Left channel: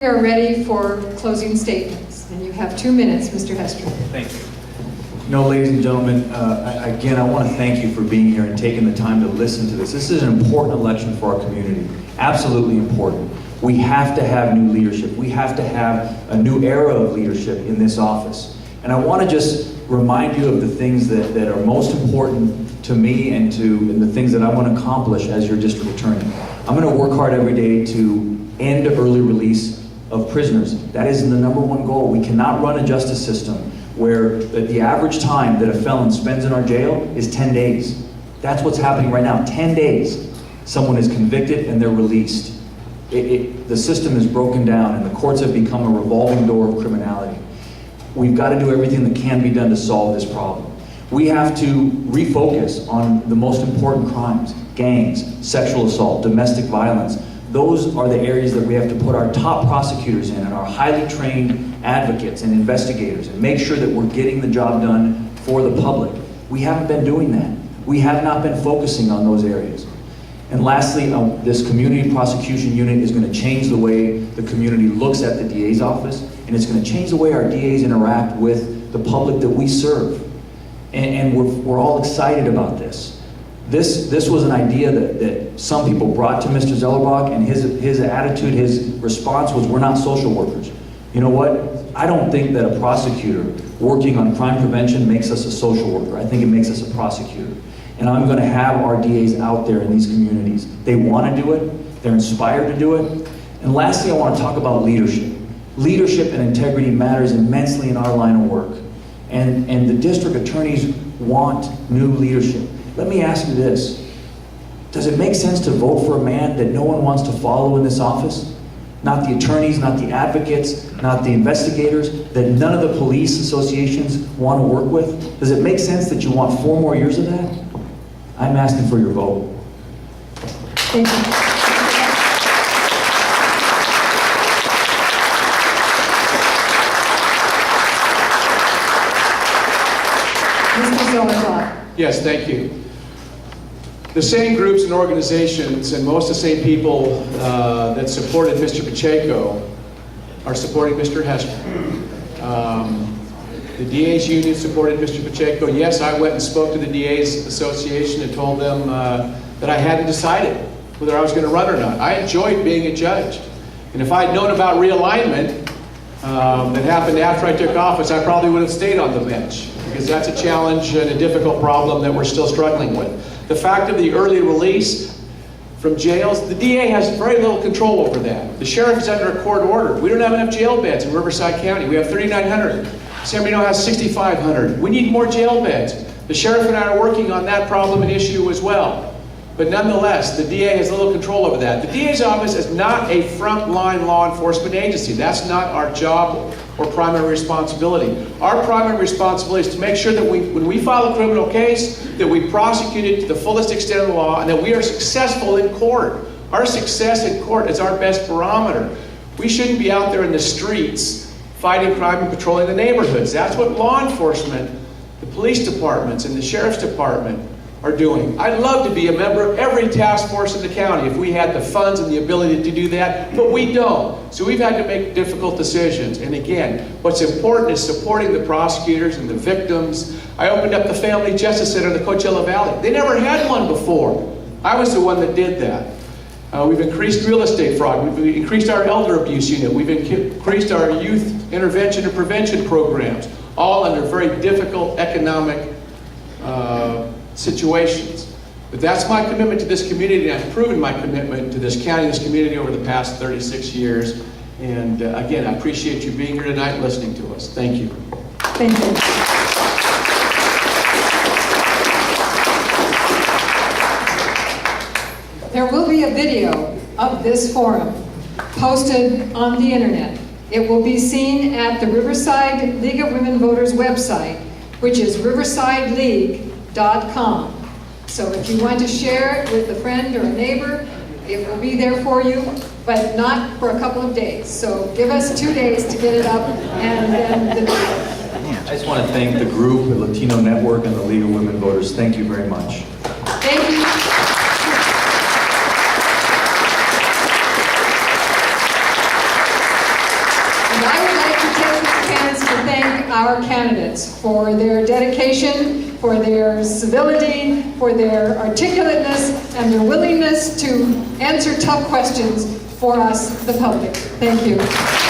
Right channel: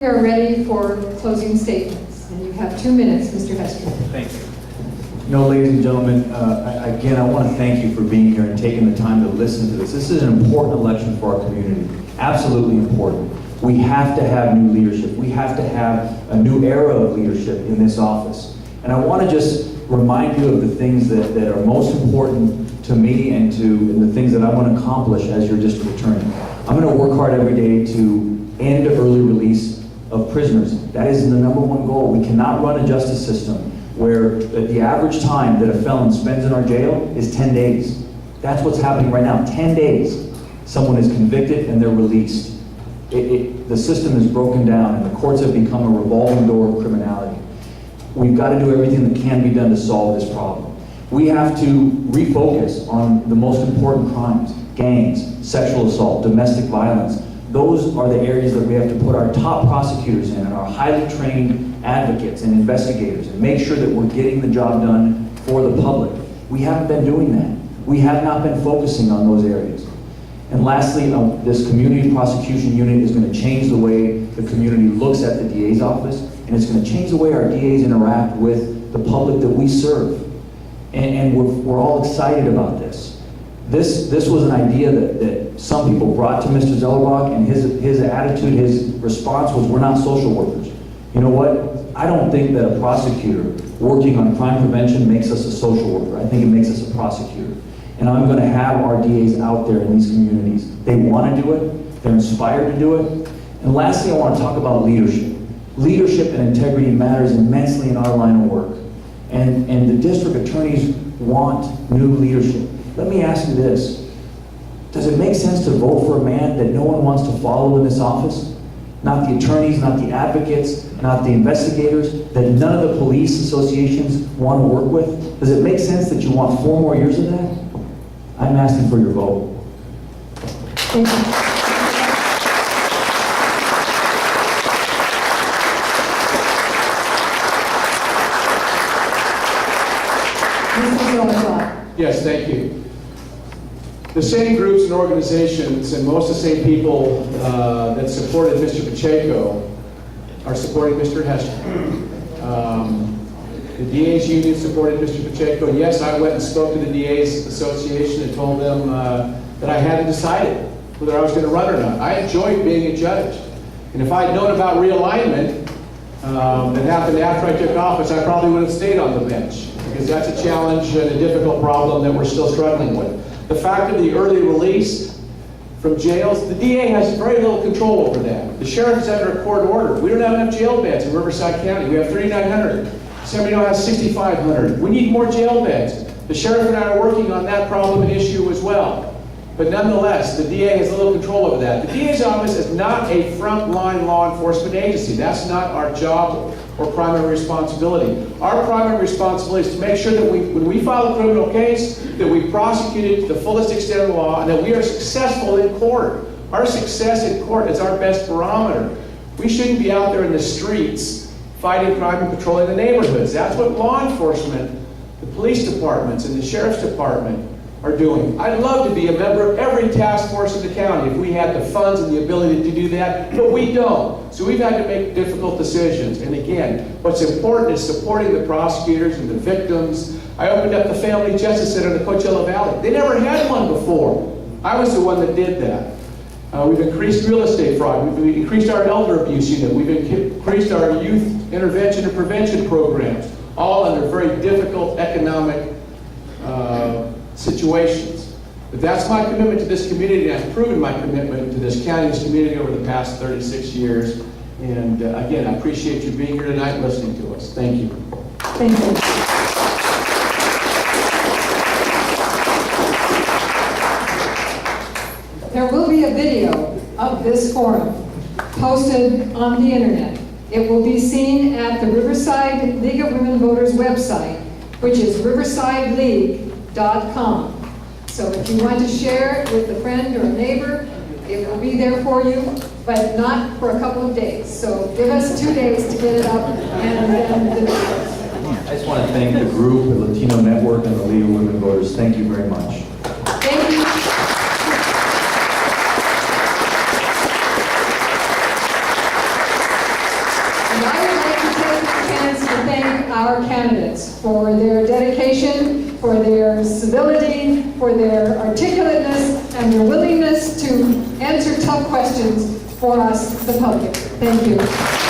We are ready for closing statements, and you have 2 minutes, Mr. Hestrin. Thank you. Ladies and gentlemen, again, I want to thank you for being here and taking the time to listen to this. This is an important election for our community, absolutely important. We have to have new leadership. We have to have a new era of leadership in this office. And I want to just remind you of the things that are most important to me and the things that I want to accomplish as your district attorney. I'm going to work hard every day to end early release of prisoners. That is the #1 goal. We cannot run a justice system where the average time that a felon spends in our jail is 10 days. That's what's happening right now. 10 days. Someone is convicted and they're released. The system is broken down and the courts have become a revolving door of criminality. We've got to do everything that can be done to solve this problem. We have to refocus on the most important crimes: gangs, sexual assault, domestic violence. Those are the areas that we have to put our top prosecutors in and our highly trained advocates and investigators and make sure that we're getting the job done for the public. We haven't been doing that. We have not been focusing on those areas. And lastly, this community prosecution unit is going to change the way the community looks at the DA's office, and it's going to change the way our DAs interact with the public that we serve. And we're all excited about this. This was an idea that some people brought to Mr. Zellerbach, and his attitude, his response was, we're not social workers. You know what? I don't think that a prosecutor working on crime prevention makes us a social worker. I think it makes us a prosecutor. And I'm going to have our DAs out there in these communities. They want to do it. They're inspired to do it. And lastly, I want to talk about leadership. Leadership and integrity matters immensely in our line of work. And the district attorneys want new leadership. Let me ask you this. Does it make sense to vote for a man that no one wants to follow in this office? Not the attorneys, not the advocates, not the investigators, that none of the police associations want to work with? Does it make sense that you want 4 more years of that? I'm asking for your vote. Thank you. Mr. Zellerbach. Yes, thank you. The same groups and organizations and most of the same people that supported Mr. Pacheco are supporting Mr. Hestrin. The DA's union supported Mr. Pacheco. Yes, I went and spoke to the DA's association and told them that I hadn't decided whether I was going to run or not. I enjoyed being a judge. And if I'd known about realignment that happened after I took office, I probably would have stayed on the bench, because that's a challenge and a difficult problem that we're still struggling with. The fact of the early release from jails, the DA has very little control over that. The sheriff is under a court order. We don't have enough jail beds in Riverside County. We have 3,900. San Bernardino has 6,500. We need more jail beds. The sheriff and I are working on that problem and issue as well. But nonetheless, the DA has little control over that. The DA's office is not a frontline law enforcement agency. That's not our job or primary responsibility. Our primary responsibility is to make sure that when we file a criminal case, that we prosecute it to the fullest extent of the law and that we are successful in court. Our success in court is our best barometer. We shouldn't be out there in the streets fighting crime and patrolling the neighborhoods. That's what law enforcement, the police departments and the sheriff's department are doing. I'd love to be a member of every task force in the county if we had the funds and the ability to do that, but we don't. So we've had to make difficult decisions. And again, what's important is supporting the prosecutors and the victims. I opened up the Family Justice Center in the Coachella Valley. They never had one before. I was the one that did that. We've increased real estate fraud. We've increased our elder abuse unit. We've increased our youth intervention and prevention programs, all under very difficult economic situations. But that's my commitment to this community, and I've proven my commitment to this county, this community over the past 36 years. And again, I appreciate you being here tonight and listening to us. Thank you. Thank you. There will be a video of this forum posted on the internet. It will be seen at the Riverside League of Women Voters website, which is riversideleague.com. So if you want to share it with a friend or a neighbor, it will be there for you, but not for a couple of days. So give us 2 days to get it up, and then the video. I just want to thank the group, the Latino Network, and the League of Women Voters. Thank you very much. Thank you. And I would like to take this chance to thank our candidates for their dedication, for their civility, for their articulateness, and their willingness to answer tough questions for us, the public. Thank you.